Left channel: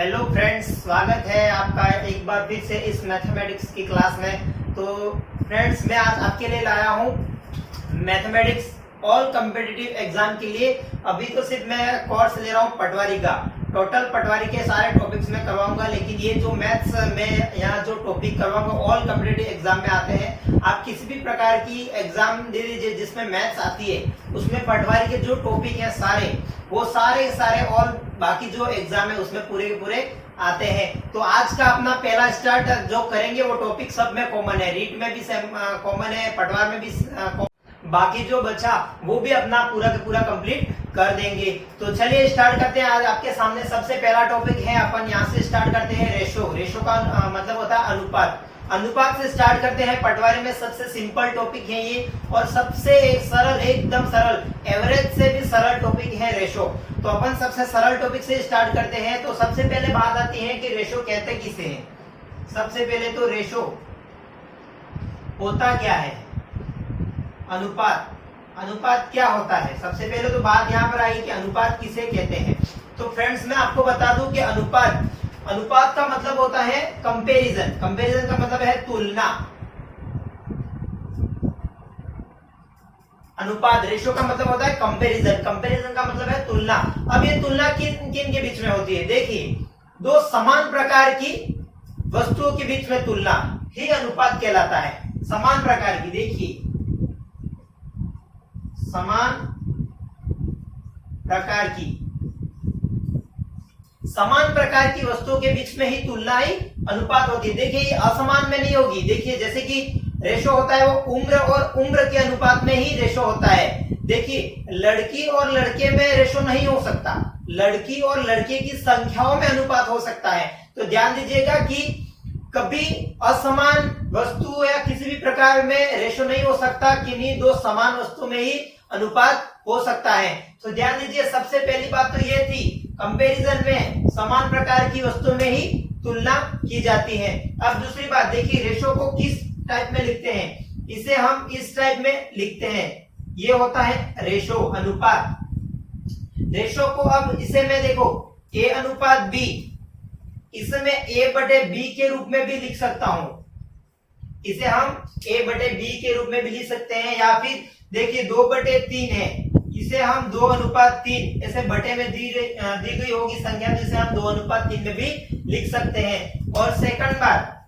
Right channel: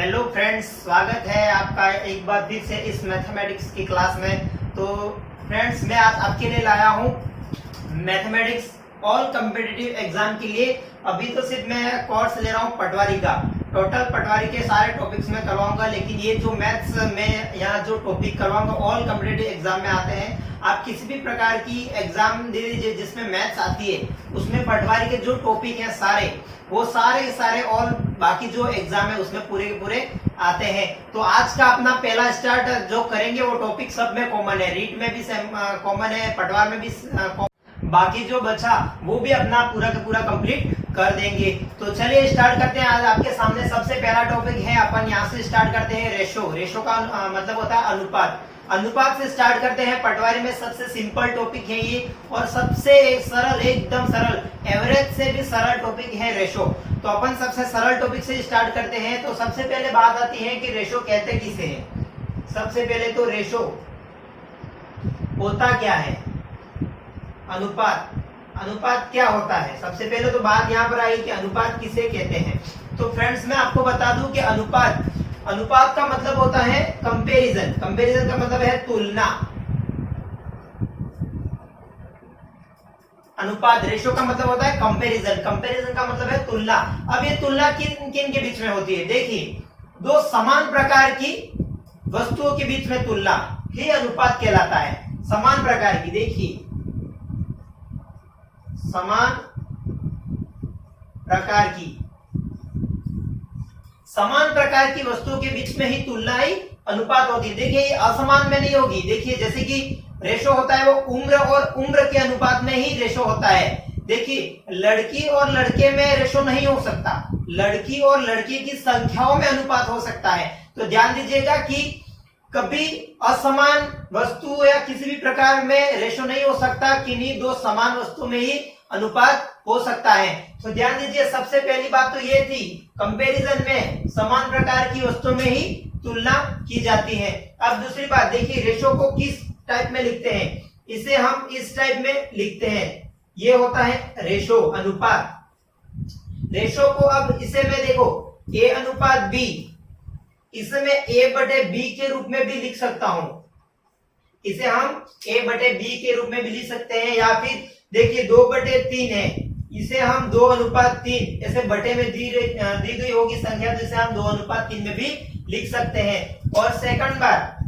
Hello friends, स्वागत है आपका एक बार फिर से इस मैथमेटिक्स की क्लास में। तो फ्रेंड्स, मैं आज आपके लिए लाया हूँ मैथमेटिक्स ऑल कम्पिटिटिव एग्जाम के लिए। अभी तो सिर्फ मैं कोर्स ले रहा हूँ पटवारी का। टोटल पटवारी के सारे टॉपिक्स में करवाऊंगा, लेकिन ये जो मैथ्स में यहाँ जो टॉपिक करवाऊंगा ऑल कम्पिटिटिव एग्जाम में आते हैं। आप किसी भी प्रकार की एग्जाम दे दीजिए जिसमें मैथ्स आती है, उसमें पटवारी के जो टॉपिक है सारे वो सारे और बाकी जो एग्जाम है उसमें पूरे के पूरे आते हैं। तो आज का अपना पहला स्टार्ट जो करेंगे वो टॉपिक सब में कॉमन है, रीट में भी कॉमन है, पटवार में भी बाकी जो बचा वो भी अपना पूरा का पूरा कंप्लीट कर देंगे। तो चलिए स्टार्ट करते हैं। आज आपके सामने सबसे पहला टॉपिक है, अपन यहाँ से स्टार्ट करते हैं रेशो। रेशो का मतलब होता है अनुपात। अनुपात से स्टार्ट करते हैं। पटवारी में सबसे सिंपल टॉपिक है ये और सबसे सरल, एकदम सरल, एवरेज से भी सरल टॉपिक है रेशो। तो अपन सबसे सरल टॉपिक से स्टार्ट करते हैं। तो सबसे पहले बात आती है कि रेशो कहते किसे हैं। सबसे पहले तो रेशो होता क्या है, अनुपात। अनुपात क्या होता है, सबसे पहले तो बात यहाँ पर आई कि अनुपात किसे कहते हैं। तो फ्रेंड्स, मैं आपको बता दूं कि अनुपात का मतलब होता है कंपैरिजन। कंपैरिजन का मतलब है तुलना। अनुपात, रेशो का मतलब होता है कंपैरिजन। कंपैरिजन का मतलब है तुलना। अब ये तुलना किन किन के बीच में होती है? देखिए, दो समान प्रकार की वस्तुओं के बीच में तुलना ही अनुपात कहलाता है। समान प्रकार की, देखिए, समान प्रकार की वस्तुओं के बीच में ही तुलना ही अनुपात होती है। देखिए, ये असमान में नहीं होगी। देखिए, जैसे कि रेशो होता है वो उम्र और उम्र के अनुपात में ही रेशो होता है। देखिए, लड़की और लड़के में रेशो नहीं हो सकता, लड़की और लड़के की संख्याओं में अनुपात हो सकता है। तो ध्यान दीजिएगा कि कभी असमान वस्तु या किसी भी प्रकार में रेशो नहीं हो सकता, किन्हीं दो समान वस्तु में ही अनुपात हो सकता है। तो ध्यान दीजिए, सबसे पहली बात तो ये थी, कंपैरिजन में समान प्रकार की वस्तु में ही तुलना की जाती है। अब दूसरी बात देखिए, रेशो को किस टाइप में लिखते हैं? इसे हम इस टाइप में लिखते हैं, ये होता है रेशो, अनुपात। रेशो को अब इसे में देखो ए अनुपात बी, इसे मैं ए बटे बी के रूप में भी लिख सकता हूं। इसे हम ए बटे बी के रूप में भी लिख सकते हैं, या फिर देखिए 2/3 है, इसे हम 2:3 ऐसे बटे में दी गई होगी संख्या, जिसे हम 2:3 में भी लिख सकते हैं। और सेकंड बात,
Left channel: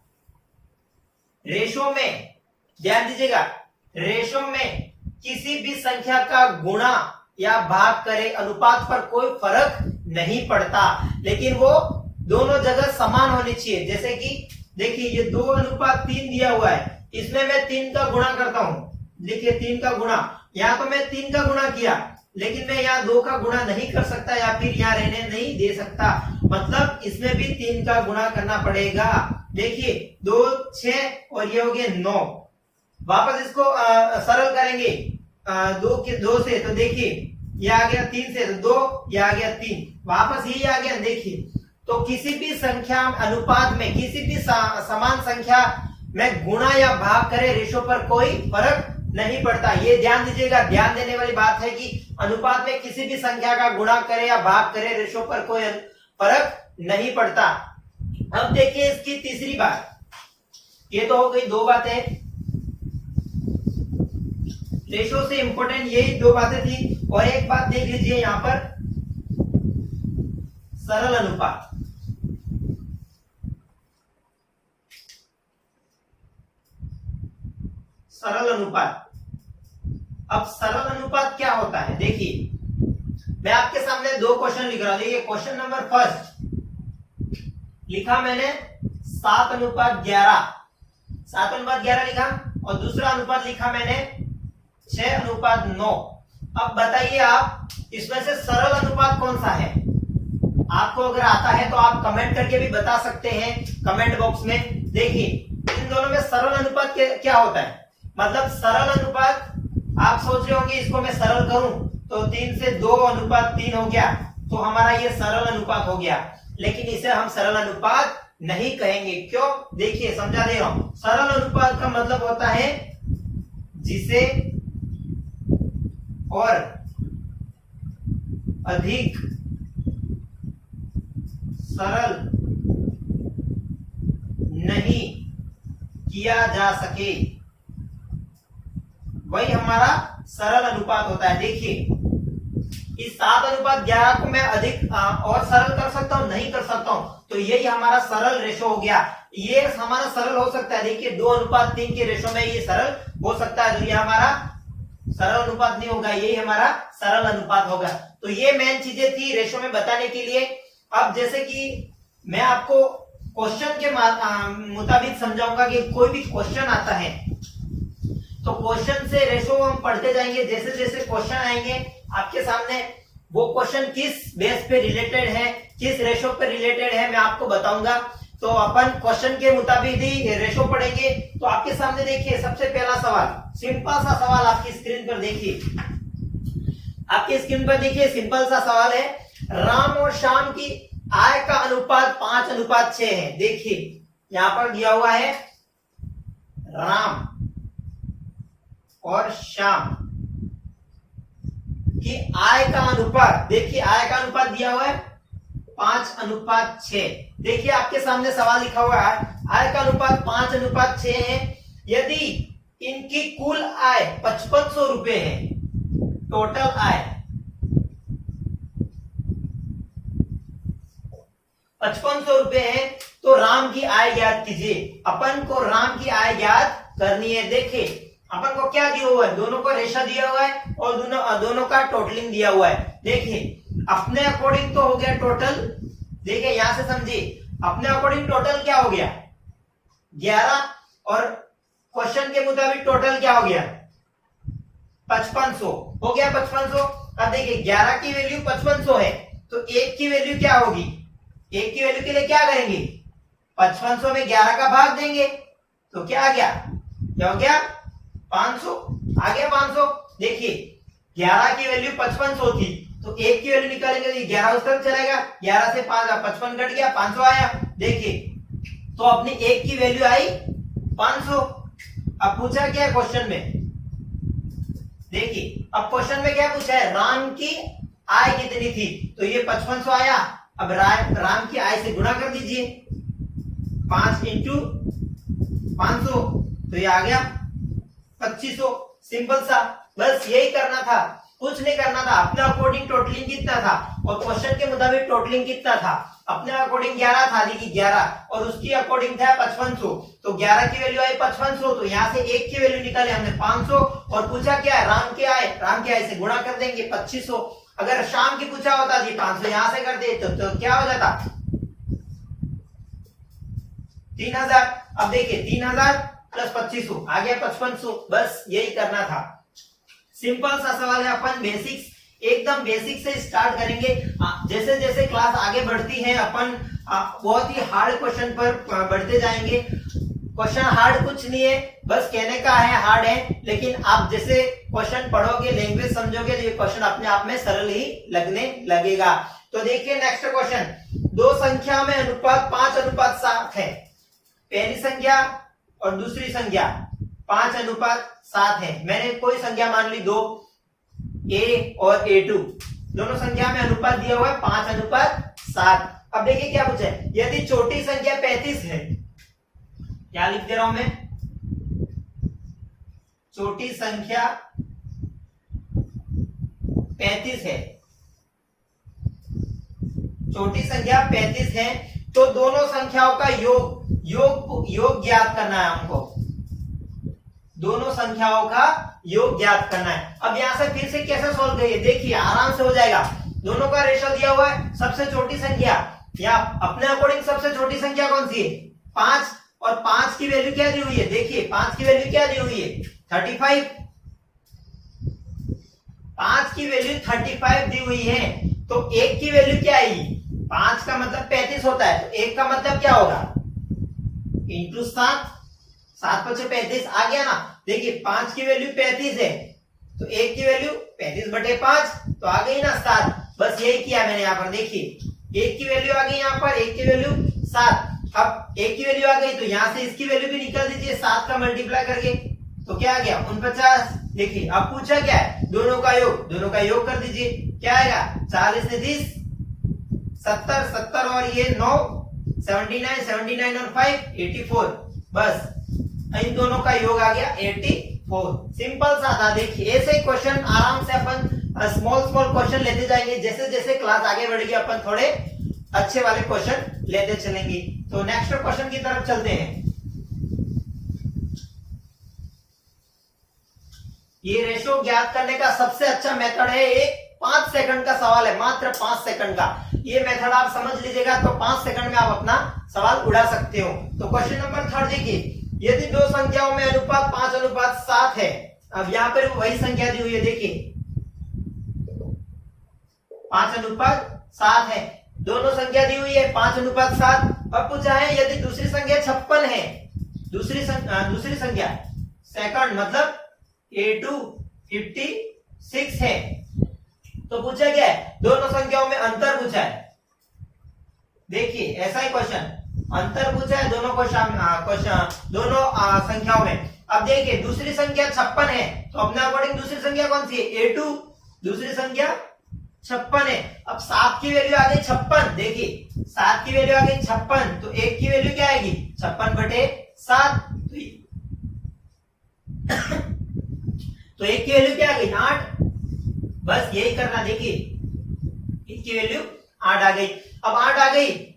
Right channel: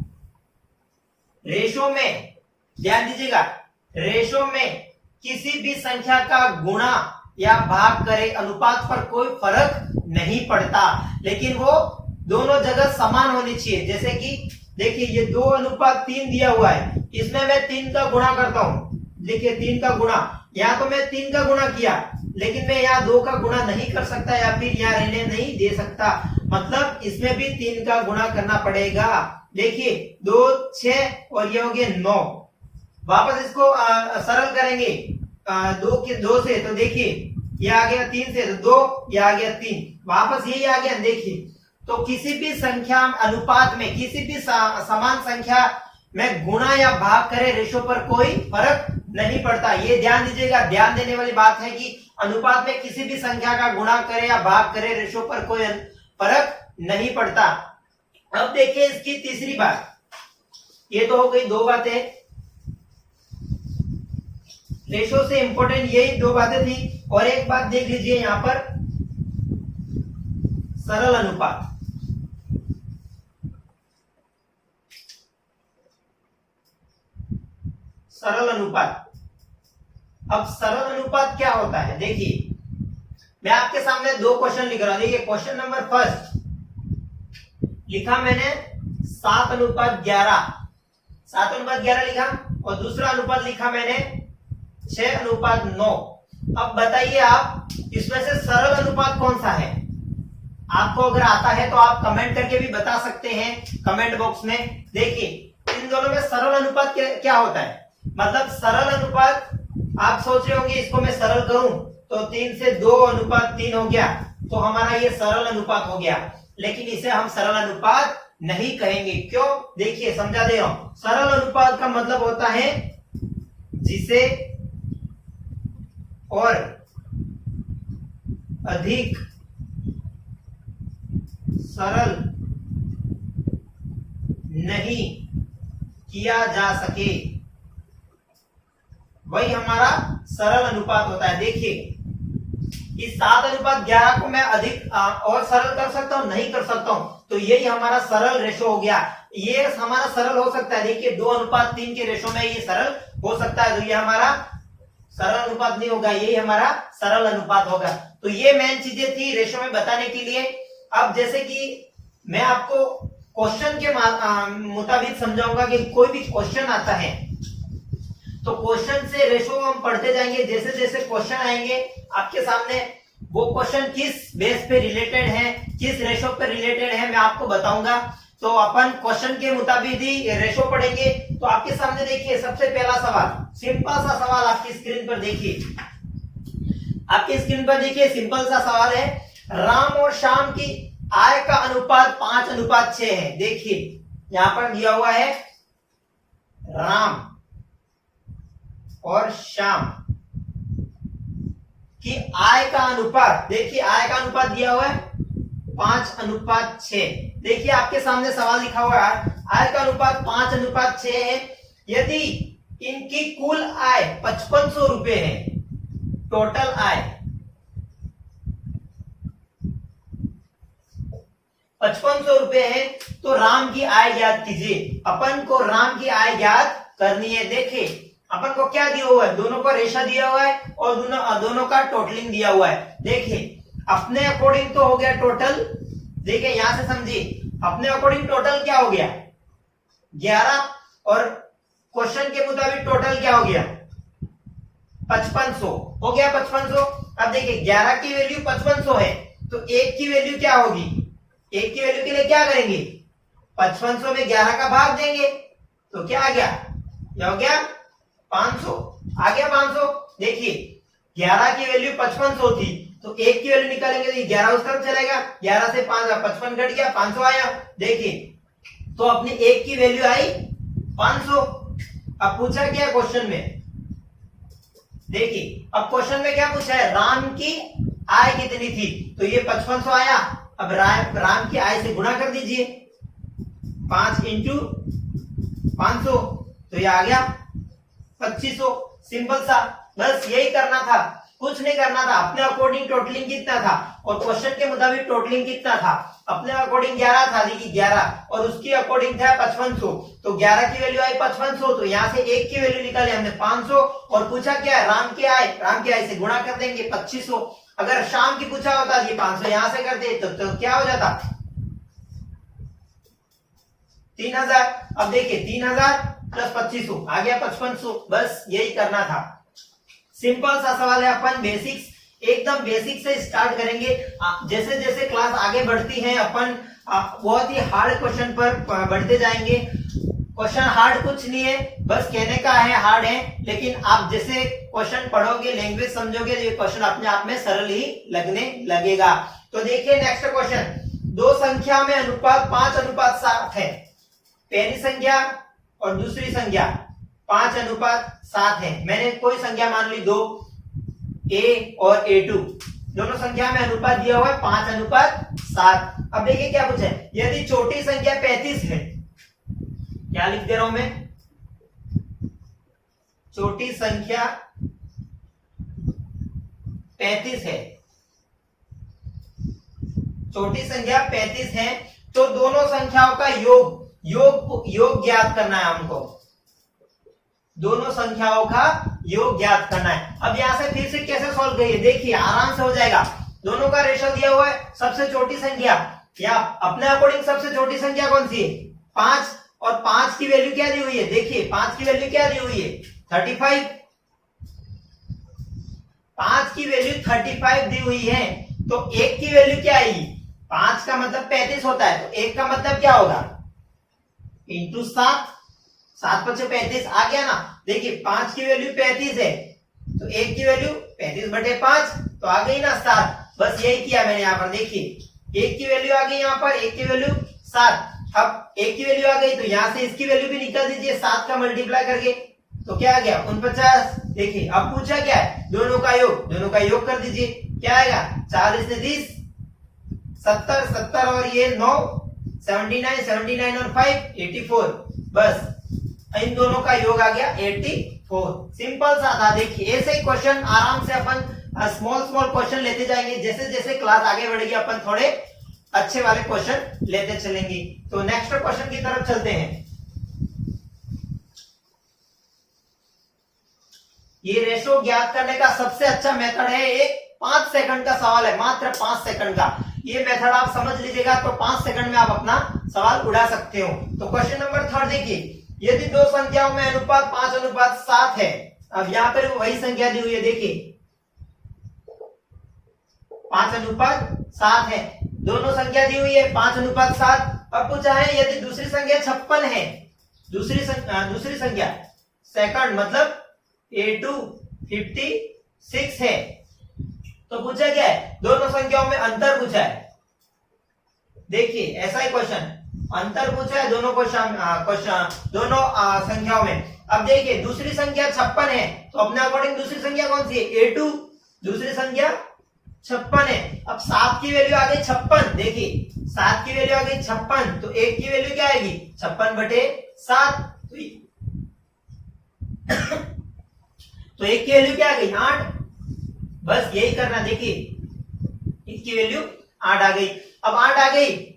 रेशो में ध्यान दीजिएगा, रेशो में किसी भी संख्या का गुणा या भाग करे अनुपात पर कोई फर्क नहीं पड़ता, लेकिन वो दोनों जगह समान होनी चाहिए। जैसे कि देखिए, ये 2:3 दिया हुआ है, इसमें मैं 3 का गुणा करता हूं। देखिए, 3 का गुणा, यहाँ तो मैं 3 का गुणा किया, लेकिन मैं यहाँ 2 का गुणा नहीं कर सकता या फिर यहाँ रहने नहीं दे सकता, मतलब इसमें भी 3 का गुणा करना पड़ेगा। देखिए, 2 6 और ये हो गए 9। वापस इसको सरल करेंगे 2 से, तो देखिए ये आ गया 3 से, तो 2, ये आ गया 3, वापस यही आ गया। देखिए, तो किसी भी संख्या अनुपात में, किसी भी समान संख्या में गुणा या भाग करे, रेशो पर कोई फर्क नहीं पड़ता। ये ध्यान दीजिएगा, ध्यान देने वाली बात है कि अनुपात में किसी भी संख्या का गुणा करे या भाग करे, रेशो पर कोई फर्क नहीं पड़ता। अब देखिए इसकी तीसरी बात, ये तो हो गई 2 बातें, रेशो से इंपॉर्टेंट यही 2 बातें थी। और एक बात देख लीजिए यहां पर, सरल अनुपात। सरल अनुपात, अब सरल अनुपात क्या होता है? देखिए, मैं आपके सामने 2 क्वेश्चन लिख रहा हूं। देखिए, क्वेश्चन नंबर फर्स्ट लिखा मैंने 7:11, 7:11 लिखा, और दूसरा अनुपात लिखा मैंने 6:9। अब बताइए आप, इसमें से सरल अनुपात कौन सा है? आपको अगर आता है तो आप कमेंट करके भी बता सकते हैं कमेंट बॉक्स में। देखिए, इन दोनों में सरल अनुपात क्या होता है? मतलब सरल अनुपात, आप सोच रहे होंगे इसको मैं सरल करूं तो 3 से 2:3 हो गया, तो हमारा ये सरल अनुपात हो गया, लेकिन इसे हम सरल अनुपात नहीं कहेंगे। क्यों? देखिए, समझा दे रहा हूं। सरल अनुपात का मतलब होता है जिसे और अधिक सरल नहीं किया जा सके, वही हमारा सरल अनुपात होता है। देखिए इस 7:11 को मैं अधिक और सरल कर सकता हूं, नहीं कर सकता हूं, तो यही हमारा सरल रेशो हो गया। ये हमारा सरल हो सकता है, देखिए 2:3 के रेशो में ये सरल हो सकता है, तो ये हमारा सरल अनुपात नहीं होगा, यही हमारा सरल अनुपात होगा। तो ये मेन चीजें थी रेशो में बताने के लिए। अब जैसे कि मैं आपको क्वेश्चन के मुताबिक समझाऊंगा कि कोई भी क्वेश्चन आता है तो क्वेश्चन से रेशो हम पढ़ते जाएंगे। जैसे जैसे क्वेश्चन आएंगे आपके सामने, वो क्वेश्चन किस बेस पे रिलेटेड है, किस रेशो पे रिलेटेड है, मैं आपको बताऊंगा। तो अपन क्वेश्चन के मुताबिक ही रेशो पढ़ेंगे। तो आपके सामने देखिए सबसे पहला सवाल, सिंपल सा सवाल आपकी स्क्रीन पर देखिए, आपकी स्क्रीन पर देखिए सिंपल सा सवाल है, राम और श्याम की आय का अनुपात 5:6 है। देखिए यहां पर दिया हुआ है राम और श्याम की आय का अनुपात, देखिए आय का अनुपात दिया हुआ है 5:6। देखिए आपके सामने सवाल लिखा हुआ है, आय का अनुपात 5:6 है, यदि इनकी कुल आय 5500 रुपए है, टोटल आय 5500 रुपए है, तो राम की आय ज्ञात कीजिए। अपन को राम की आय ज्ञात करनी है। देखिए अपन को क्या दिया हुआ है, दोनों का रेशा दिया हुआ है और दोनों का टोटलिंग दिया हुआ है। देखिए अपने अकॉर्डिंग तो हो गया टोटल, देखिए यहां से समझिए, अपने अकॉर्डिंग टोटल क्या हो गया 11, और क्वेश्चन के मुताबिक टोटल क्या हो गया 5500 हो गया 5500। अब देखिए 11 की वैल्यू 5500 है, तो 1 की वैल्यू क्या होगी, 1 की वैल्यू के लिए क्या करेंगे, 5500 में 11 का भाग देंगे, तो क्या आ गया, क्या हो गया 500, आ गया 500। देखिए 11 की वैल्यू 5500 थी, तो 1 की वैल्यू निकालेंगे तो 11 उस तरफ चलेगा, 11 से 55 कट गया, 500 आया। देखिए तो अपनी 1 की वैल्यू आई 500। अब पूछा क्या क्वेश्चन में, देखिए अब क्वेश्चन में क्या पूछा है, राम की आय कितनी थी, तो ये 5500 आया। अब राम की आय से गुणा कर दीजिए, 5 इंटू 500, तो ये आ गया 2500। सिंपल सा, बस यही करना था, कुछ नहीं करना था। अपने अकॉर्डिंग टोटलिंग कितना था और क्वेश्चन के मुताबिक टोटलिंग कितना था, अपने अकॉर्डिंग 11 था, देखिए 11 और उसकी अकॉर्डिंग था 5500, तो 11 की वैल्यू आई 5500, तो यहाँ से 1 की वैल्यू निकाली हमने 500, और पूछा क्या है राम की आय से गुणा कर देंगे 2500। अगर शाम की पूछा होता जी 500 यहां से कर दे तो क्या हो जाता 3000। अब देखिए 3000 प्लस 2500 आ गया 5500, बस यही करना था। सिंपल सा सवाल है, अपन बेसिक्स एकदम बेसिक से स्टार्ट करेंगे। जैसे जैसे क्लास आगे बढ़ती है अपन बहुत ही हार्ड क्वेश्चन पर बढ़ते जाएंगे। क्वेश्चन हार्ड कुछ नहीं है, बस कहने का है हार्ड है, लेकिन आप जैसे क्वेश्चन पढ़ोगे, लैंग्वेज समझोगे, ये क्वेश्चन अपने आप में सरल ही लगने लगेगा। तो देखिए नेक्स्ट क्वेश्चन, दो संख्या में अनुपात 5:7 है। पहली संख्या और दूसरी संख्या 5:7 है। मैंने कोई संख्या मान ली 2, A और A2, दोनों संख्या में अनुपात दिया हुआ है 5:7। अब देखिए क्या पूछा है, यदि छोटी संख्या 35 है, क्या लिख दे रहा हूं मैं, छोटी संख्या 35 है, छोटी संख्या 35 है, तो दोनों संख्याओं का योग ज्ञात करना है हमको, दोनों संख्याओं का योग ज्ञात करना है। अब यहां से फिर से कैसे सॉल्व करिए, देखिए आराम से हो जाएगा। दोनों का रेशो दिया हुआ है, सबसे छोटी संख्या या अपने अकॉर्डिंग सबसे छोटी संख्या कौन सी है 5, और 5 की वैल्यू क्या दी हुई है, देखिए 5 की वैल्यू क्या दी हुई है 35, 5 की वैल्यू 35 दी हुई है, तो 1 की वैल्यू क्या आएगी, 5 का मतलब 35 होता है, तो 1 का मतलब क्या होगा इंटू 7, 7 5 35 आ गया ना। देखिए 5 की वैल्यू 35 है, तो 1 की वैल्यू 35/5, तो आ गई ना 7। बस यही किया मैंने यहाँ पर, देखिए 1 की वैल्यू आ गई यहाँ पर, 1 की वैल्यू 7। अब 1 की वैल्यू आ गई, तो यहां से इसकी वैल्यू भी निकाल दीजिए 7 का मल्टीप्लाई करके, तो क्या आ गया 49। देखिए अब पूछा क्या है, दोनों का योग कर दीजिए, क्या आएगा 40 से 30 70 70 और ये 9 79 79 और 5 84। बस इन दोनों का योग आ गया 84। सिंपल सा था। देखिए ऐसे ही क्वेश्चन आराम से अपन स्मॉल स्मॉल क्वेश्चन लेते जाएंगे, जैसे जैसे क्लास आगे बढ़ेगी अपन थोड़े अच्छे वाले क्वेश्चन लेते चलेंगे। तो नेक्स्ट क्वेश्चन की तरफ चलते हैं। ये रेशो ज्ञात करने का सबसे अच्छा मेथड है, एक 5 सेकंड का सवाल है, मात्र 5 सेकंड का। ये मेथड आप समझ लीजिएगा तो 5 सेकंड में आप अपना सवाल उड़ा सकते हो। तो क्वेश्चन नंबर 3 देखिए, यदि दो संख्याओं में अनुपात 5:7 है। अब यहां पर वही संख्या दी हुई है, देखिए 5:7 है, दोनों संख्या दी हुई है 5:7। अब पूछा है यदि दूसरी संख्या 56 है, दूसरी संख्या सेकंड मतलब A2 56 है, तो पूछा क्या है, दोनों संख्याओं में अंतर पूछा है। देखिए ऐसा ही क्वेश्चन, अंतर पूछा है दोनों दोनों संख्याओं में। अब देखिए दूसरी संख्या 56 है, तो अपने अकॉर्डिंग दूसरी संख्या कौन सी है, A2, दूसरी संख्या 56 है। अब 7 की वैल्यू आ गई 56, देखिए 7 की वैल्यू आ गई 56, तो 1 की वैल्यू क्या आएगी 56/7, तो 1 की वैल्यू क्या आ गई 8। बस यही करना, देखिए 1 की वैल्यू 8 आ गई। अब 8 आ गई,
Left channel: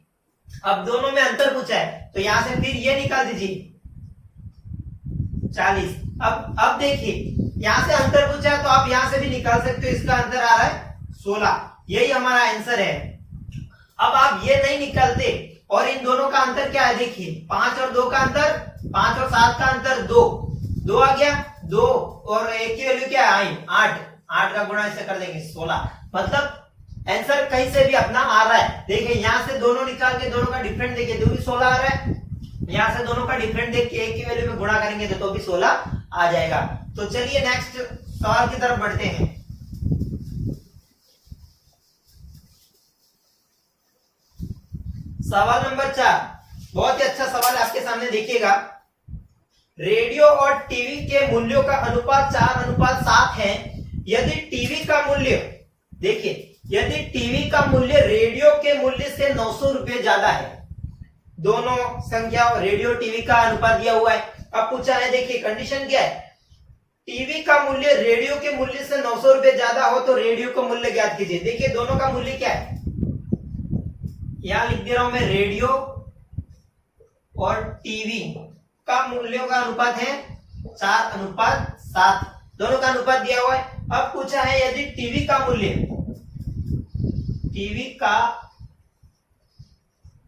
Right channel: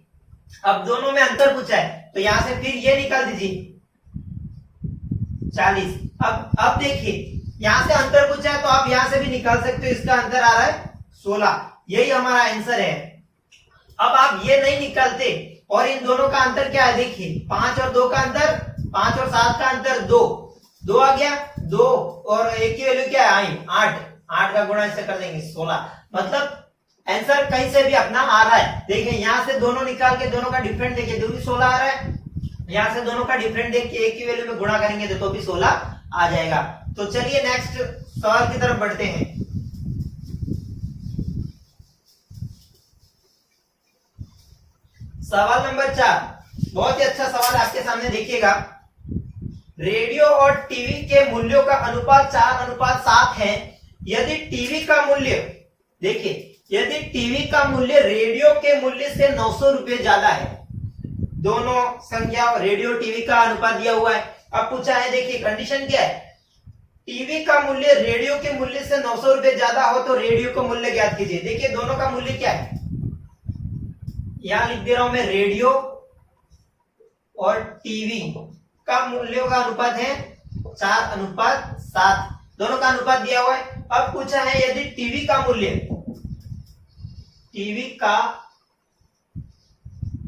अब दोनों में अंतर पूछा है, तो यहां से फिर ये निकाल दीजिए 40। अब देखिए यहां से अंतर पूछा है, तो आप यहां से भी निकाल सकते हो, इसका अंतर आ रहा है 16, यही हमारा आंसर है। अब आप ये नहीं निकालते और इन दोनों का अंतर क्या है, देखिए 5 और 2 का अंतर, 5 और 7 का अंतर 2 आ गया 2, और 1 की वैल्यू क्या आई 8 का गुणा ऐसे कर देंगे 16। मतलब आंसर कहीं से भी अपना आ रहा है। देखिए यहां से दोनों निकाल के दोनों का डिफरेंट देखिए, 2 भी 16 आ रहा है, यहां से दोनों का डिफरेंट देख के 1 की वैल्यू में गुणा करेंगे तो भी 16 आ जाएगा। तो चलिए नेक्स्ट सवाल की तरफ बढ़ते हैं। सवाल नंबर 4, बहुत ही अच्छा सवाल आपके सामने देखिएगा। रेडियो और टीवी के मूल्यों का अनुपात 4:7 है। यदि टीवी का मूल्य, देखिए यदि टीवी का मूल्य रेडियो के मूल्य से 900 रुपए ज्यादा है, दोनों संख्या रेडियो टीवी का अनुपात दिया हुआ है। अब पूछा है, देखिए कंडीशन क्या है, टीवी का मूल्य रेडियो के मूल्य से 900 रुपए ज्यादा हो तो रेडियो का मूल्य ज्ञात कीजिए। देखिए दोनों का मूल्य क्या है, यहां लिख दे रहा हूं मैं, रेडियो और टीवी का मूल्यों का अनुपात है 4:7, दोनों का अनुपात दिया हुआ है। अब पूछा है यदि टीवी का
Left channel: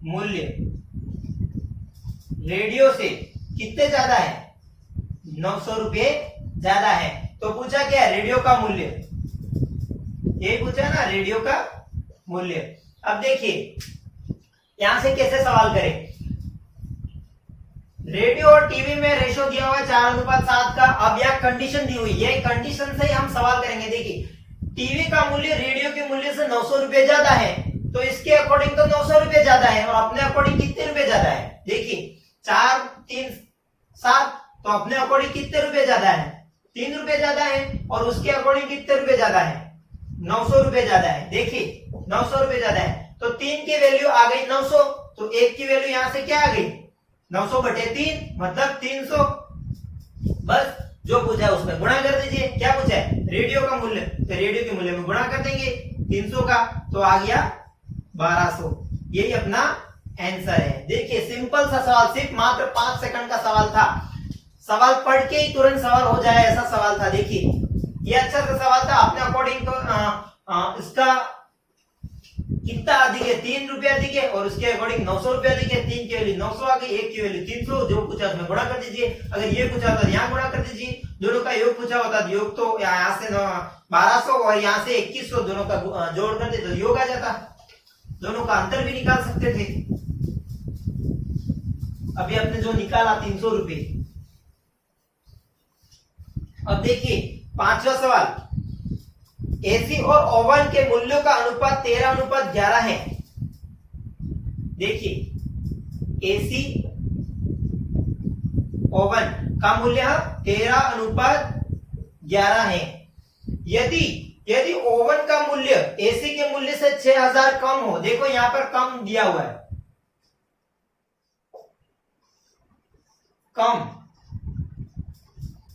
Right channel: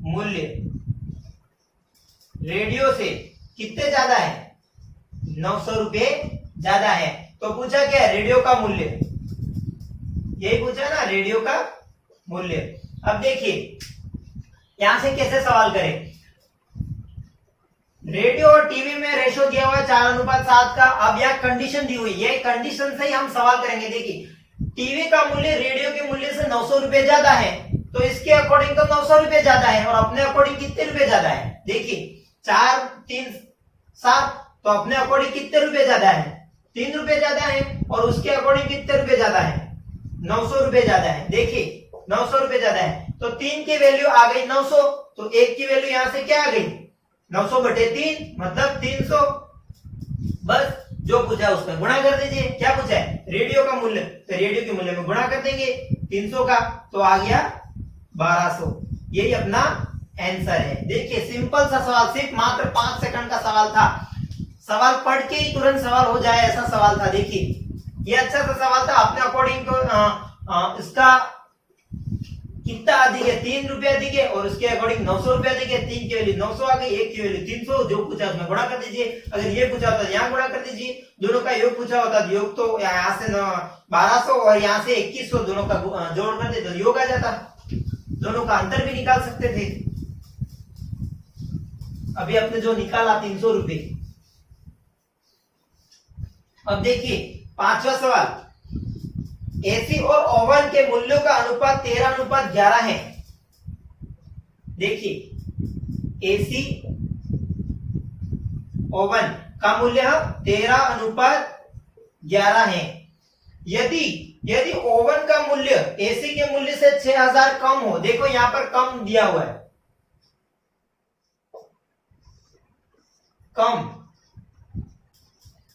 मूल्य रेडियो से कितने ज्यादा है, 900 रुपए ज्यादा है, तो पूछा क्या है रेडियो का मूल्य, यही पूछा ना रेडियो का मूल्य। अब देखिए यहां से कैसे सवाल करें, रेडियो और टीवी में रेशो दिया हुआ 4:7 का। अब यह कंडीशन दी हुई है, कंडीशन से ही हम सवाल करेंगे। देखिए टीवी का मूल्य रेडियो के मूल्य से 900 रुपए ज्यादा है, तो इसके अकॉर्डिंग तो 900 रुपए ज्यादा है, और अपने अकॉर्डिंग कितने रुपए ज्यादा है, देखिए 4 3 7, तो अपने अकॉर्डिंग कितने रुपए ज्यादा है 3 रुपए ज्यादा है, और उसके अकॉर्डिंग कितने रुपए ज्यादा है 900 रुपए ज्यादा है। देखिए 900 रुपए ज्यादा है, तो 3 की वैल्यू आ गई 900, तो 1 की वैल्यू यहां से क्या आ गई 900/3 मतलब 300। बस जो पूछा है उसमें गुणा कर दीजिए। क्या पूछा है रेडियो का मूल्य, तो रेडियो के मूल्य में गुणा कर देंगे 300 का, तो आ गया 1200। यही अपना आंसर है। देखिए सिंपल सा सवाल, सिर्फ मात्र 5 सेकंड का सवाल था, सवाल पढ़ के ही तुरंत सवाल हो जाए ऐसा सवाल था। देखिए ये अच्छा सा सवाल था, अपने अकॉर्डिंग तो इसका कितना अधिक है 3 रुपया अधिक है, और उसके अकॉर्डिंग 900 रुपया अधिक है। 3 की वैल्यू 900 आ गई, 1 की वैल्यू 300, जो पूछा उसमें गुणा कर दीजिए। अगर ये पूछा होता यहाँ गुणा कर दीजिए, दोनों का योग पूछा होता योग तो यहाँ से 1200 और यहाँ से 2100, दोनों का जोड़ कर दे तो योग आ जाता, दोनों का अंतर भी निकाल सकते थे। अभी आपने जो निकाला 300 रुपए। अब देखिए 5वां सवाल, एसी और ओवन के मूल्यों का अनुपात 13:11 है। देखिए एसी ओवन का मूल्य 13:11 है। यदि ओवन का मूल्य एसी के मूल्य से 6000 कम हो, देखो यहां पर कम दिया हुआ है, कम,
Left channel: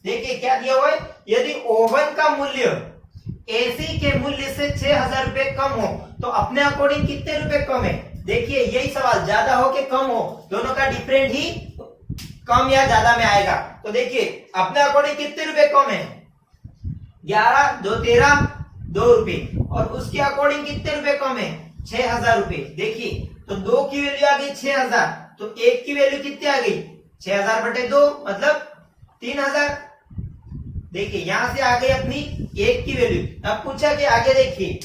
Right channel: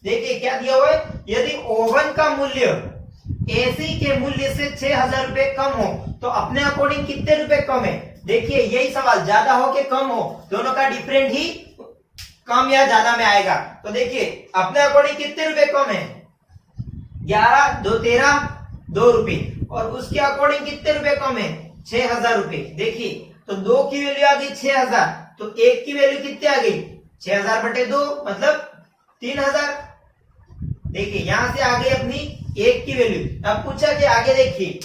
देखिए क्या दिया हुआ है, यदि ओवन का मूल्य एसी के मूल्य से 6000 रुपए कम हो तो अपने अकॉर्डिंग कितने रुपए कम है। देखिए यही सवाल, ज्यादा हो कि कम हो, दोनों का डिफरेंट ही कम या ज्यादा में आएगा। तो देखिए अपने अकॉर्डिंग कितने रुपए कम है, 11 2 13 2 रुपए, और उसके अकॉर्डिंग कितने रुपए कम है, 6000 रुपए। देखिए तो 2 की वैल्यू आ गई 6000, तो 1 की वैल्यू कितनी आ गई, 6000 बटे 2 मतलब 3000। देखिए यहां से आ गई अपनी 1 की वैल्यू। अब पूछा कि आगे देखिए,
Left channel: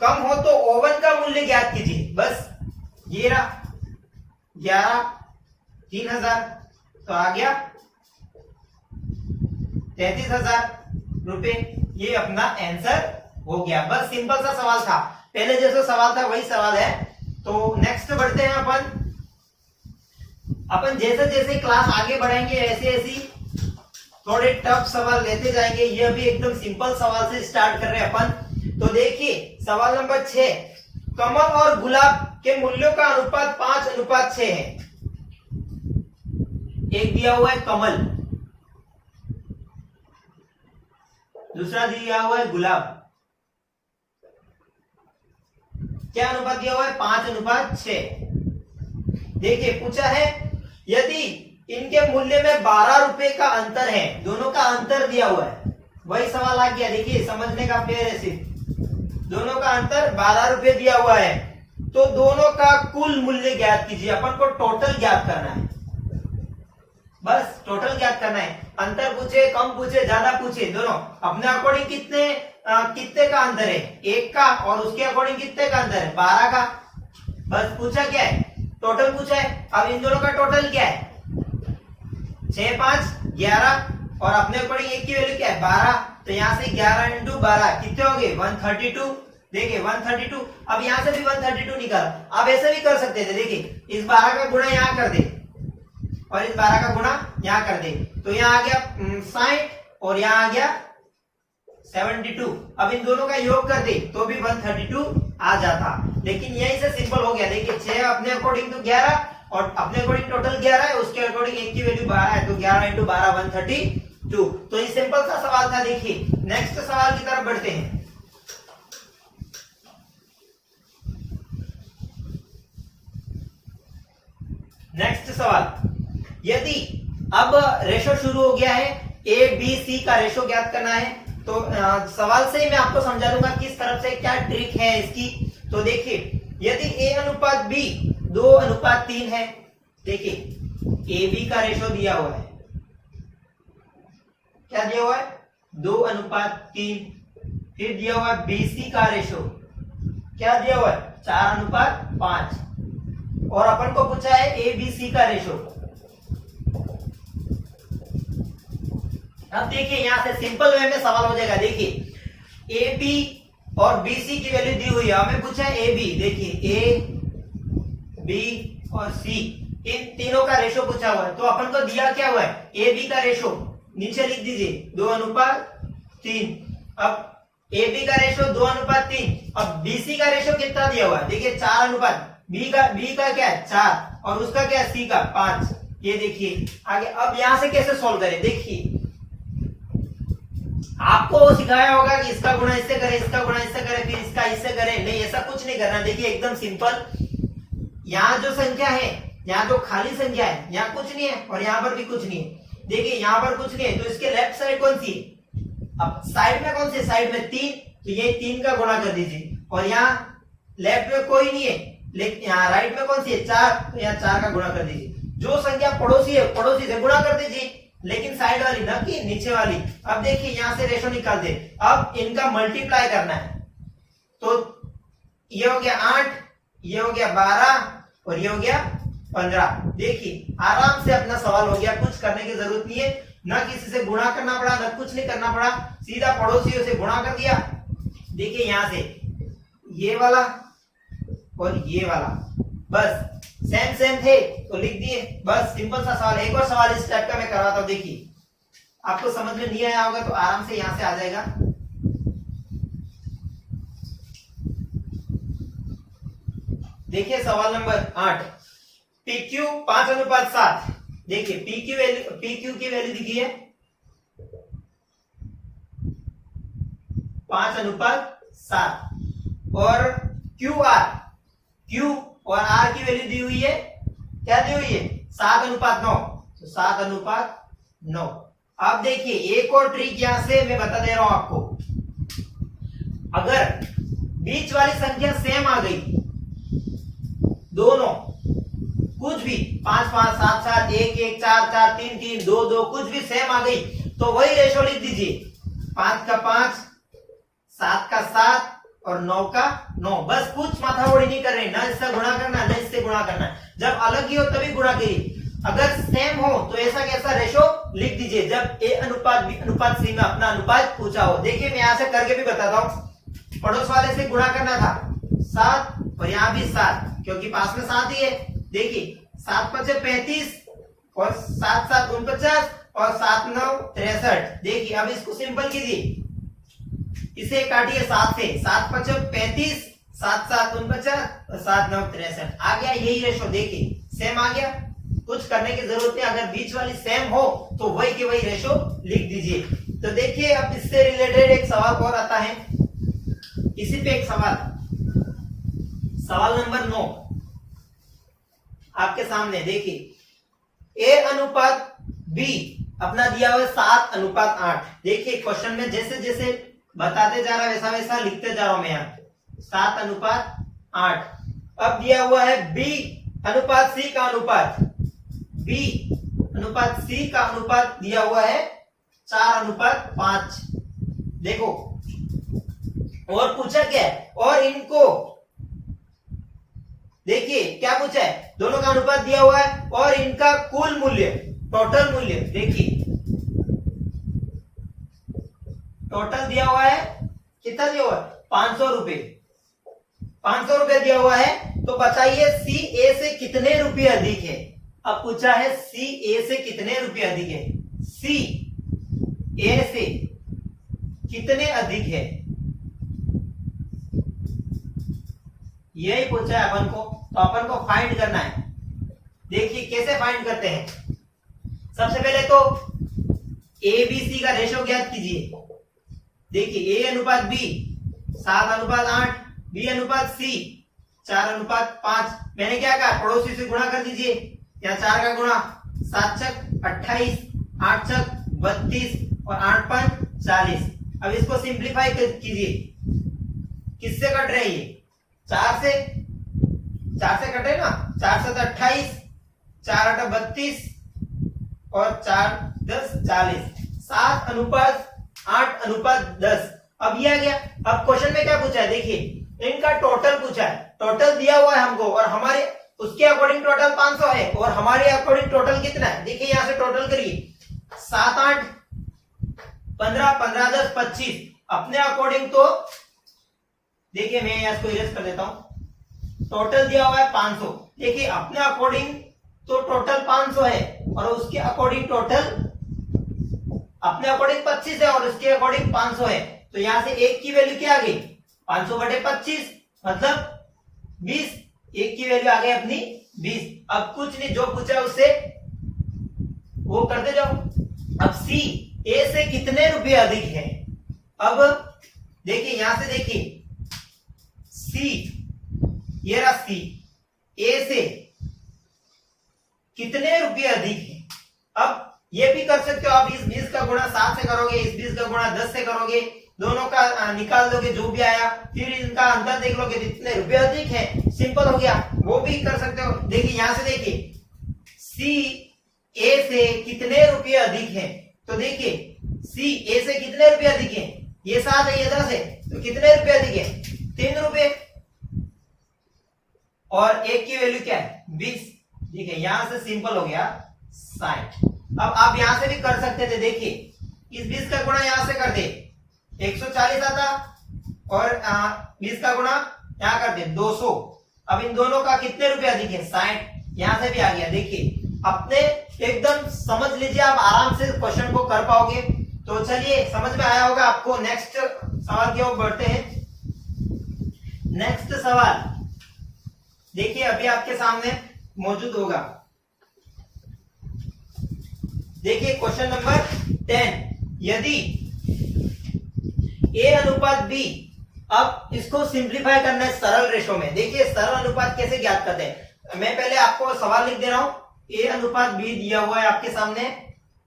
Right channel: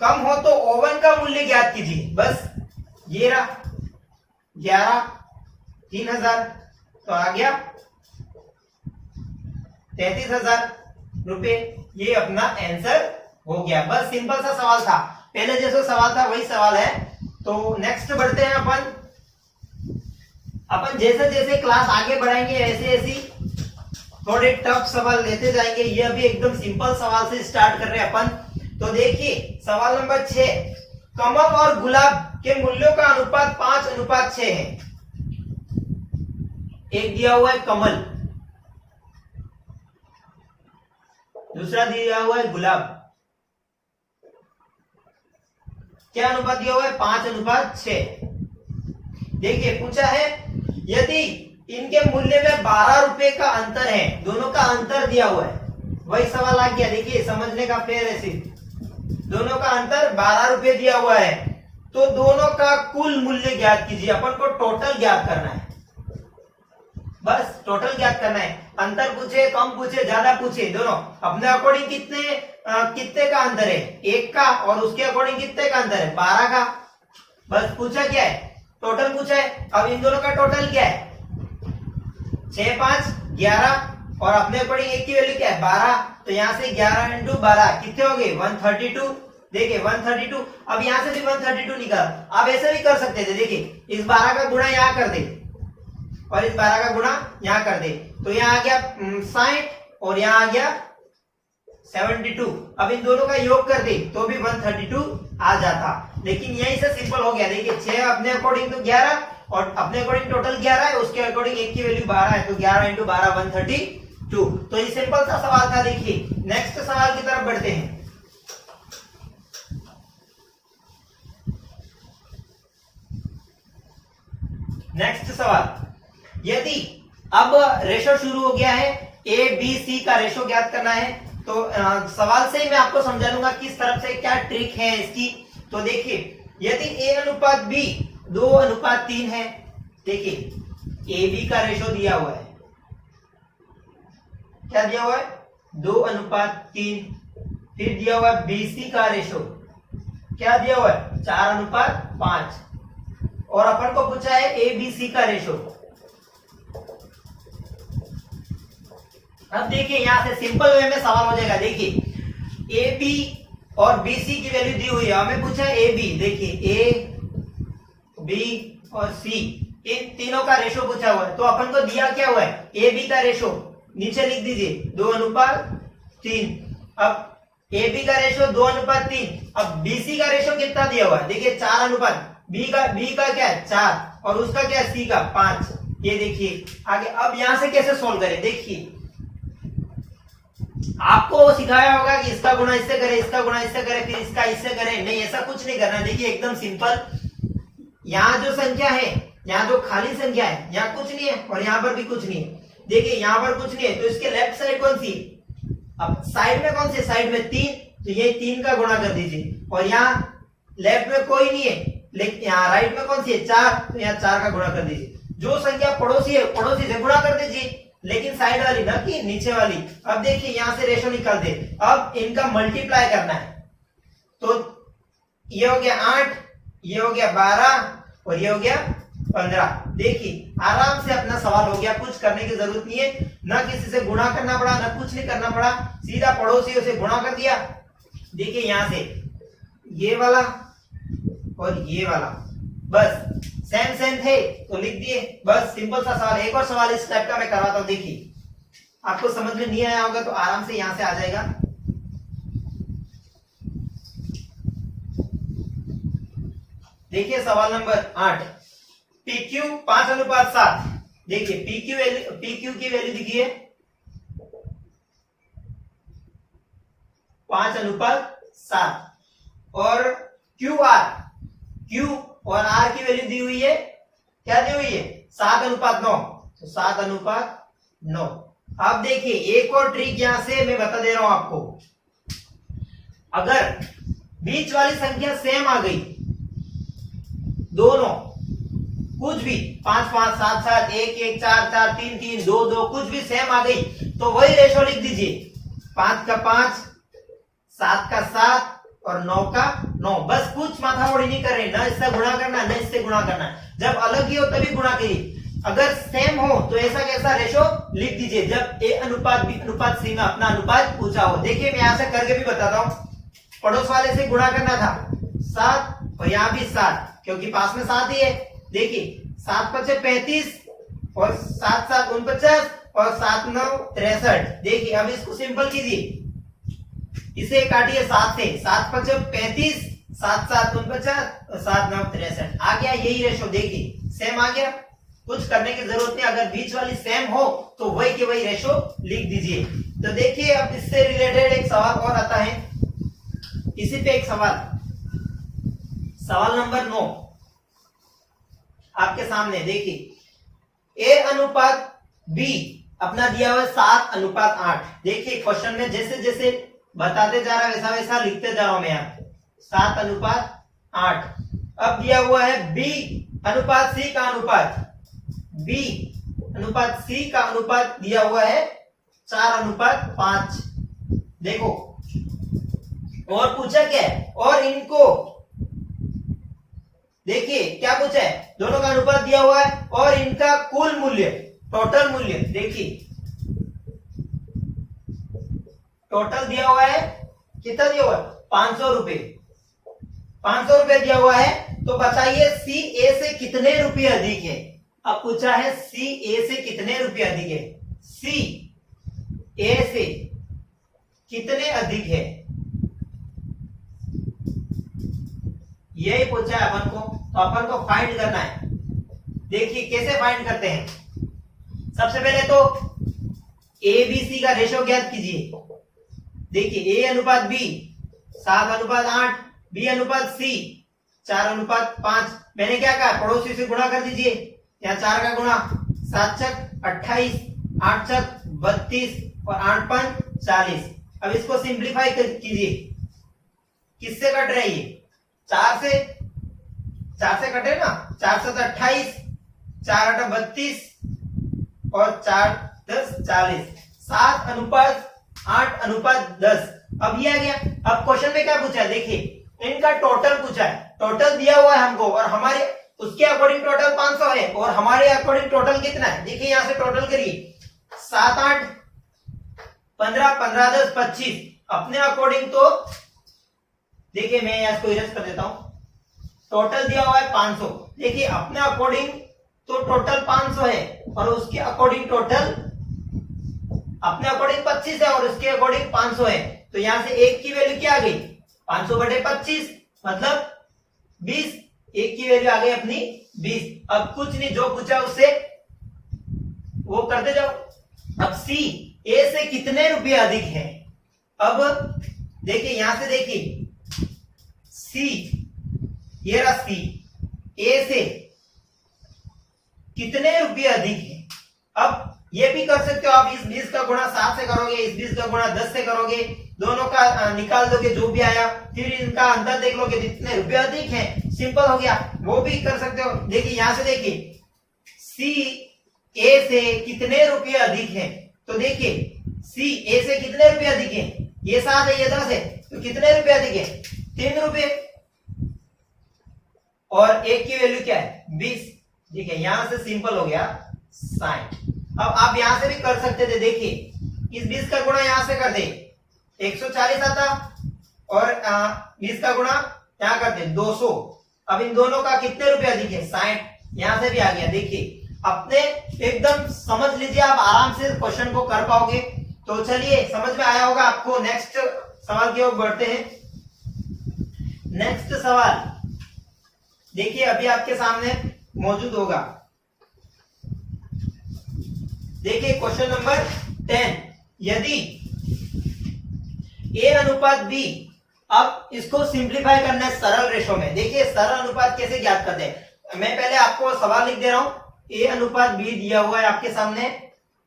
कम हो तो ओवन का मूल्य ज्ञात कीजिए, बस ये रहा 11 3000, तो आ गया 33000 रुपए, ये अपना आंसर हो गया। बस सिंपल सा सवाल था, पहले जैसा सवाल था वही सवाल है। तो नेक्स्ट बढ़ते हैं अपन जैसे जैसे क्लास आगे बढ़ाएंगे ऐसे ऐसी थोड़े टफ सवाल लेते जाएंगे। ये अभी एकदम सिंपल सवाल से स्टार्ट कर रहे हैं अपन। तो देखिए सवाल नंबर 6, कमल और गुलाब के मूल्यों का अनुपात 5:6 है। एक दिया हुआ है कमल, दूसरा दिया हुआ है गुलाब, क्या अनुपात दिया हुआ है, 5:6। देखिए पूछा है यदि इनके मूल्य में 12 रुपए का अंतर है, दोनों का अंतर दिया हुआ है, वही सवाल आ गया। देखिए समझने का पेड़ है सिर्फ, दोनों का अंतर 12 रुपए दिया हुआ है, तो दोनों का कुल मूल्य ज्ञात कीजिए। अपन को टोटल ज्ञात करना है, बस टोटल ज्ञात करना है। अंतर पूछे, कम पूछे, ज्यादा पूछे, दोनों अपने अकॉर्डिंग कितने का अंतर है, 1 का, और उसके अकॉर्डिंग कितने का अंतर है, 12 का। बस पूछा क्या है, टोटल पूछा है। अब इन दोनों का टोटल क्या है, 6 5 11, और अपने अकॉर्डिंग 1 की वैल्यू क्या है, 12। तो यहां से 11 × 12 कितने हो गए, 132। देखिए 132, अब यहां से भी 132 निकाल। आप ऐसे भी कर सकते थे, देखिए इस 12 का गुणा यहां कर दे और इस 12 का गुणा यहां कर दे, तो यहां आ गया 60 और यहां आ गया 72। अब इन दोनों का योग कर दे तो भी 132 आ जाता, लेकिन यहीं से सिंपल हो गया। देखिए 6 अपने अकॉर्डिंग तो 11 और अपने अकॉर्डिंग टोटल 11 है, उसके अकॉर्डिंग 1 की वैल्यू 12 है, तो 11 × 12 132। तो ये सिंपल सा सवाल था। देखिए नेक्स्ट सवाल की तरफ बढ़ते हैं। नेक्स्ट सवाल, यदि अब रेशो शुरू हो गया है, ए बी सी का रेशो ज्ञात करना है, तो सवाल से ही मैं आपको समझा दूंगा किस तरफ से क्या ट्रिक है इसकी। तो देखिए यदि ए अनुपात बी 2:3 है, देखिए ए बी का रेशो दिया हुआ है, क्या दिया हुआ है, 2:3। फिर दिया हुआ है बी सी का रेशो, क्या दिया हुआ है, 4:5, और अपन को पूछा है ए बी सी का रेशो। अब देखिए यहां से सिंपल वे में सवाल हो जाएगा। देखिए ए बी और बी सी की वैल्यू दी हुई है, हमें पूछा है ए बी। देखिए ए बी और सी, इन तीनों का रेशो पूछा हुआ है, तो अपन को दिया क्या हुआ है, ए बी का रेशो नीचे लिख दीजिए 2:3। अब ए बी का रेशो 2:3, अब बी सी का रेशो कितना दिया हुआ है, देखिए 4:, बी का क्या है 4 और उसका क्या है सी का 5। ये देखिए आगे, अब यहां से कैसे सोल्व करें। देखिए आपको वो सिखाया होगा कि इसका गुणा इससे करे, इसका गुणा इससे करे, फिर इसका इससे करे, नहीं ऐसा कुछ नहीं करना। देखिए एकदम सिंपल, यहाँ जो संख्या है, यहाँ जो खाली संख्या है, यहाँ कुछ नहीं है और यहाँ पर भी कुछ नहीं है। देखिए यहाँ पर कुछ नहीं है, तो इसके लेफ्ट साइड कौन सी, अब साइड में कौन सी, साइड में 3, तो ये 3 का गुणा कर दीजिए। और यहाँ लेफ्ट में कोई नहीं है, लेकिन यहाँ राइट में कौन सी है 4, तो यहाँ 4 का गुणा कर दीजिए। जो संख्या पड़ोसी है पड़ोसी से गुणा कर दीजिए, लेकिन साइड वाली ना कि नीचे वाली। अब देखिए यहां से रेशो निकाल दे, अब इनका मल्टीप्लाई करना है, तो ये हो गया 8, ये हो गया 12 और ये हो गया 15। देखिए आराम से अपना सवाल हो गया, कुछ करने की जरूरत नहीं है, ना किसी से गुणा करना पड़ा, ना कुछ नहीं करना पड़ा, सीधा पड़ोसियों से गुणा कर दिया। देखिए यहां से ये वाला और ये वाला बस सेम थे तो लिख दिए, बस सिंपल सा सवाल। एक और सवाल इस टाइप का मैं कराता हूं, देखिए आपको समझ में नहीं आया होगा तो आराम से यहां से आ जाएगा। देखिए सवाल नंबर 8, PQ 5:7। देखिए PQ की वैल्यू दिखिए 5:7 और Q और R की वैल्यू दी हुई है, क्या दी हुई है 7:9, तो 7:9। अब देखिए एक और ट्रिक यहां से मैं बता दे रहा हूं आपको। अगर बीच वाली संख्या सेम आ गई, दोनों कुछ भी 5 5 7 7 1 1 4 4 3 3 2 2 कुछ भी सेम आ गई तो वही रेशो लिख दीजिए। 5 का 5, 7 का 7 और 9 का 9। बस कुछ माथामोड़ी नहीं कर रहे, ना इससे गुणा करना है ना इससे गुणा करना है। जब अलग ही हो तभी गुणा करिए, अगर सेम हो तो ऐसा कैसा रेशो लिख दीजिए जब A अनुपात B अनुपात C में अपना अनुपात ऊंचा हो। देखिए मैं यहां से करके भी बताता हूं। पड़ोस वाले से गुणा करना था 7 और यहां भी 7 क्योंकि पास में 7 ही है। देखिए 7 5 35 और 7 7 49 और 7 9 63। देखिए अब इसको सिंपल कीजिए, इसे काटिए 7 से, 7 5 35 7 7 49 और 7 9 63 आ गया यही रेशो। देखिए सेम आ गया, कुछ करने की जरूरत नहीं। अगर बीच वाली सेम हो तो वही के वही रेशो लिख दीजिए। तो देखिए अब इससे रिलेटेड एक सवाल और आता है, इसी पे एक सवाल नंबर 9 आपके सामने। देखिए A अनुपात B अपना दिया हुआ 7:8। देखिए क्वेश्चन में जैसे जैसे बताते जा रहा है वैसा वैसा लिखते जा रहा हूं मैं यहाँ 7:8। अब दिया हुआ है B अनुपात C का अनुपात, B अनुपात C का अनुपात दिया हुआ है 4:5। देखो और पूछा क्या है, और इनको देखिए क्या पूछा है, दोनों का अनुपात दिया हुआ है और इनका कुल मूल्य टोटल मूल्य। देखिए टोटल दिया हुआ है, कितना दिया हुआ है 500 रुपए, 500 रुपए दिया हुआ है। तो बताइए C A से कितने रुपए अधिक है। अब पूछा है C A से कितने रुपए अधिक है, C A से कितने अधिक है, यही पूछा है अपन को। तो अपन को फाइंड करना है। देखिए कैसे फाइंड करते हैं, सबसे पहले तो ABC का रेशो ज्ञात कीजिए। देखिए A अनुपात B 7:8, B अनुपात C 4:5। मैंने क्या कहा, पड़ोसी से गुणा कर दीजिए। यहाँ 4 का गुणा 7 छक 28, 8 छक 32 और 8 5 40। अब इसको सिंप्लीफाई कीजिए, किससे कट रहे ये 4 से कटे ना, 4 7 28, 4 8 32 और 4 10 40, 7:8:10। अब ये आ गया। अब क्वेश्चन में क्या पूछा है, देखिए इनका टोटल पूछा है, टोटल दिया हुआ है हमको और हमारे उसके अकॉर्डिंग टोटल 500 है और हमारे अकॉर्डिंग टोटल कितना है। देखिए यहां से टोटल करिए 7 8 15 15 10 25। अपने अकॉर्डिंग तो देखिए मैं यहां इसको इरेज कर देता हूं, टोटल दिया हुआ है 500। देखिए अपने अकॉर्डिंग तो टोटल 500 है और उसके अकॉर्डिंग टोटल अपने अकॉर्डिंग 25 है और उसके अकॉर्डिंग 500 है। तो यहां से एक की वैल्यू क्या आ गई 500/25 मतलब 20। एक की वैल्यू आ गई अपनी 20। अब कुछ नहीं, जो पूछा उससे वो करते जाओ। अब C A से कितने रुपए अधिक है। अब देखिए यहां से देखिए C, ये रहा C, A से कितने रुपए अधिक है। अब ये भी कर सकते हो आप, इस 20 का गुणा 7 से करोगे, इस 20 का गुणा 10 से करोगे, दोनों का निकाल दोगे जो भी आया, फिर इनका अंतर देख लोगे जितने रुपए अधिक है, सिंपल हो गया। वो भी कर सकते हो। देखिए यहां से देखिए C A से कितने रुपए अधिक है। तो देखिए C A से कितने रुपए अधिक है, ये 7 है ये 10 है, तो कितने रुपए अधिक है 3 रुपए और एक की वैल्यू क्या है 20। देखिए यहां से सिंपल हो गया 60। अब आप यहां से भी कर सकते थे। देखिए इस 20 का गुणा यहां से कर दे 140 आता और 20 का गुणा यहां कर दे 200। अब इन दोनों का कितने रुपए अधिक है 60। यहां से भी आ गया। देखिए अपने एकदम समझ लीजिए, आप आराम से क्वेश्चन को कर पाओगे। तो चलिए समझ में आया होगा आपको। नेक्स्ट सवाल की ओर बढ़ते हैं। नेक्स्ट सवाल देखिए अभी आपके सामने मौजूद होगा। देखिए क्वेश्चन नंबर 10, यदि ए अनुपात बी, अब इसको सिंप्लीफाई करना है सरल रेशो में। देखिए सरल अनुपात कैसे ज्ञात करते हैं, मैं पहले आपको सवाल लिख दे रहा हूं। ए अनुपात बी दिया हुआ है आपके सामने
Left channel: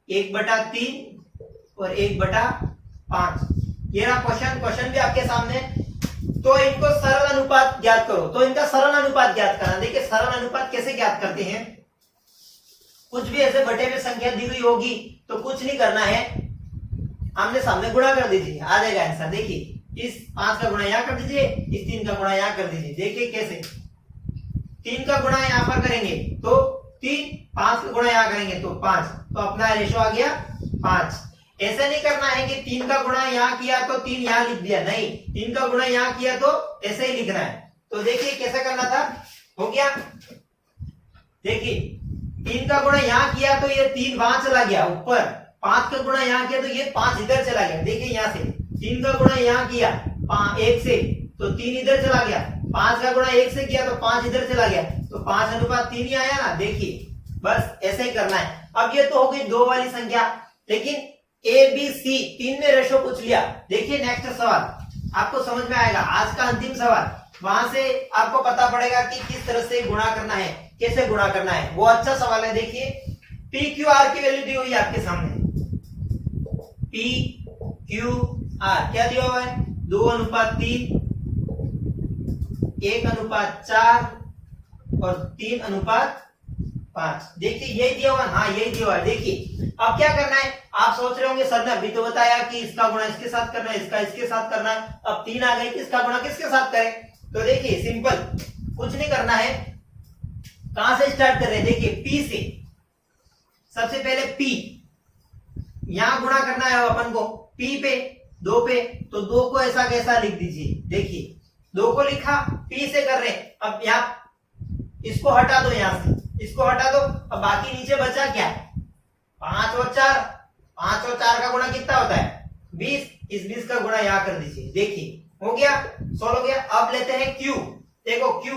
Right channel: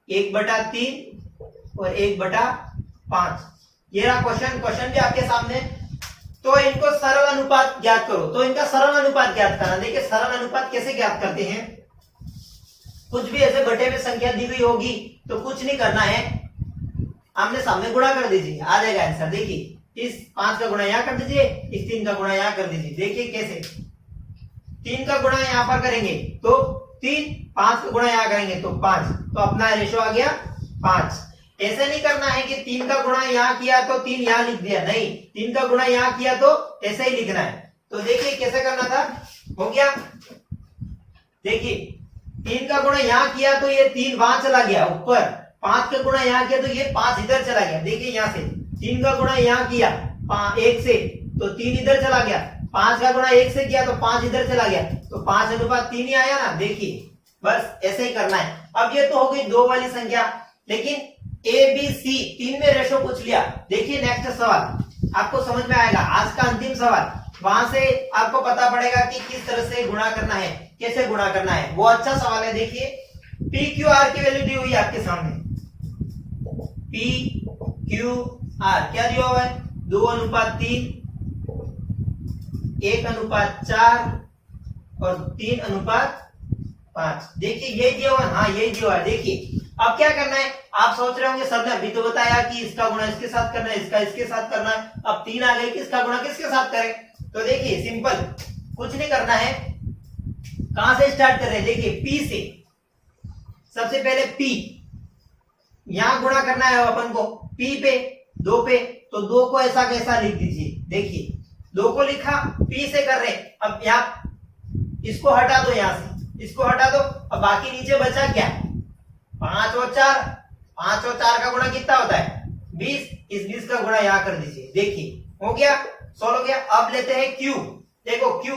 1/3 और 1/5, ये रहा क्वेश्चन भी आपके सामने। तो इनको सरल अनुपात ज्ञात करो, तो इनका सरल अनुपात ज्ञात करना। देखिए सरल अनुपात कैसे ज्ञात करते हैं, कुछ भी ऐसे बटे में संख्या दी हुई होगी तो कुछ नहीं करना है, आमने सामने गुणा कर दीजिए, आ जाएगा आंसर। देखिए इस 5 का गुणा यहां कर दीजिए, इस 3 का गुणा यहां कर दीजिए। देखिए कैसे, 3 का गुणा यहां पर करेंगे तो 3, 5 का गुणा यहां करेंगे तो 5, तो अपना रेशो आ गया 5। ऐसे नहीं करना है कि 3 का गुणा यहां किया तो 3 यहां लिख दिया, नहीं, 3 का गुणा यहां किया तो ऐसे ही लिखना है। तो देखिए कैसे करना था, हो गया। देखिए 3 का गुणा यहां किया तो ये 3 वहां चला गया ऊपर, 5 का गुणा यहां किया तो ये 5 इधर चला गया। देखिए यहां से 3 का गुणा यहां किया 1 से तो 3 इधर चला गया, 5 का गुणा 1 से किया तो 5 इधर चला गया, तो 5/3 ही आया ना। देखिए बस ऐसे ही करना है। अब ये तो हो गई 2 वाली संख्या, लेकिन ए बी सी 3 में रेशो पूछ लिया। देखिए नेक्स्ट सवाल आपको समझ में आएगा, आज का अंतिम सवाल, वहां से आपको पता पड़ेगा कि किस तरह से गुणा करना है, कैसे गुणा करना है, वो अच्छा सवाल है। देखिए पी क्यू आर की वैल्यू दी हुई है आपके सामने, पी क्यू आर क्या दिया हुआ है, 2/3, 1/4 और 3/5। देखिए यही दिया हुआ है, हाँ यही दिया हुआ है। देखिए अब क्या करना है, आप सोच रहे होंगे सर ने अभी तो बताया कि इसका गुणा इसके साथ करना है, इसका इसके साथ करना है, अब 3 आ गई, किसका गुणा किसके साथ करें। तो देखिए सिंपल, कुछ नहीं करना है। कहां से स्टार्ट कर रहे हैं, देखिए पी से, सबसे पहले पी, यहां गुणा करना है अपन को, पी पे 2 पे, तो 2 को ऐसा कैसा लिख दीजिए। देखिए 2 को लिखा, पी से कर रहे हैं। अब यहां इसको हटा दो, यहां से इसको हटा दो, अब बाकी नीचे बचा क्या, 5 और 4, 5 और 4 का गुणा कितना होता है 20, इस 20 का गुणा यहां कर दीजिए। देखिए हो गया, सॉल्व हो गया। अब लेते हैं क्यू, देखो क्यू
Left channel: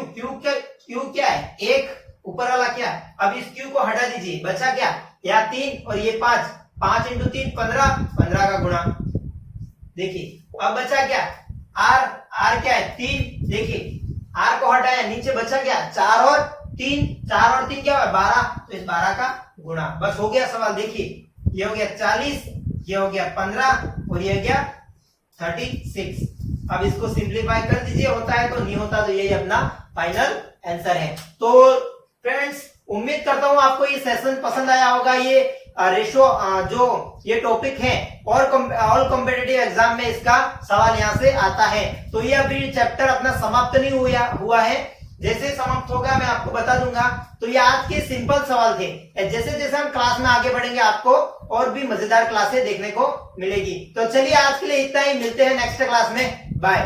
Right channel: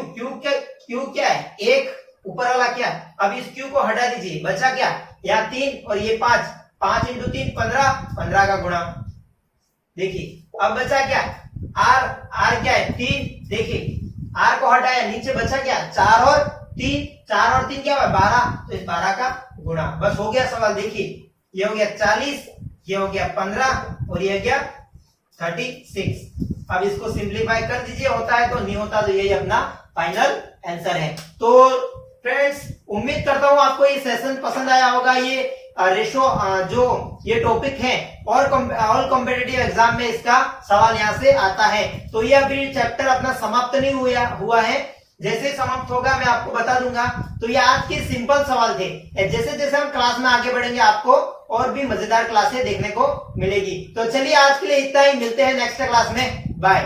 क्या है, 1 ऊपर वाला क्या है, अब इस क्यू को हटा दीजिए, बचा क्या, यहाँ 3 और ये 5, 5 × 3 15, 15 का गुणा। देखिए अब बचा क्या, आर क्या है 3, देखिए आर को हटाया, नीचे बचा क्या 4 और 3, 4 और 3 क्या हुआ 12, तो इस 12 का गुणा। बस हो गया सवाल। देखिए ये हो गया 40, ये हो गया 15 और ये हो गया 36। अब इसको सिंप्लीफाई कर दीजिए, होता है तो, नहीं होता तो यही अपना फाइनल आंसर है। तो फ्रेंड्स उम्मीद करता हूं आपको ये सेशन पसंद आया होगा। ये रेशो जो ये टॉपिक है और ऑल कॉम्पिटिटिव एग्जाम में इसका सवाल यहाँ से आता है। तो ये अभी चैप्टर अपना समाप्त नहीं हुआ है, जैसे ही समाप्त होगा मैं आपको बता दूंगा। तो ये आज के सिंपल सवाल थे, जैसे जैसे हम क्लास में आगे बढ़ेंगे आपको और भी मजेदार क्लासें देखने को मिलेगी। तो चलिए आज के लिए इतना ही, मिलते हैं नेक्स्ट क्लास में, बाय।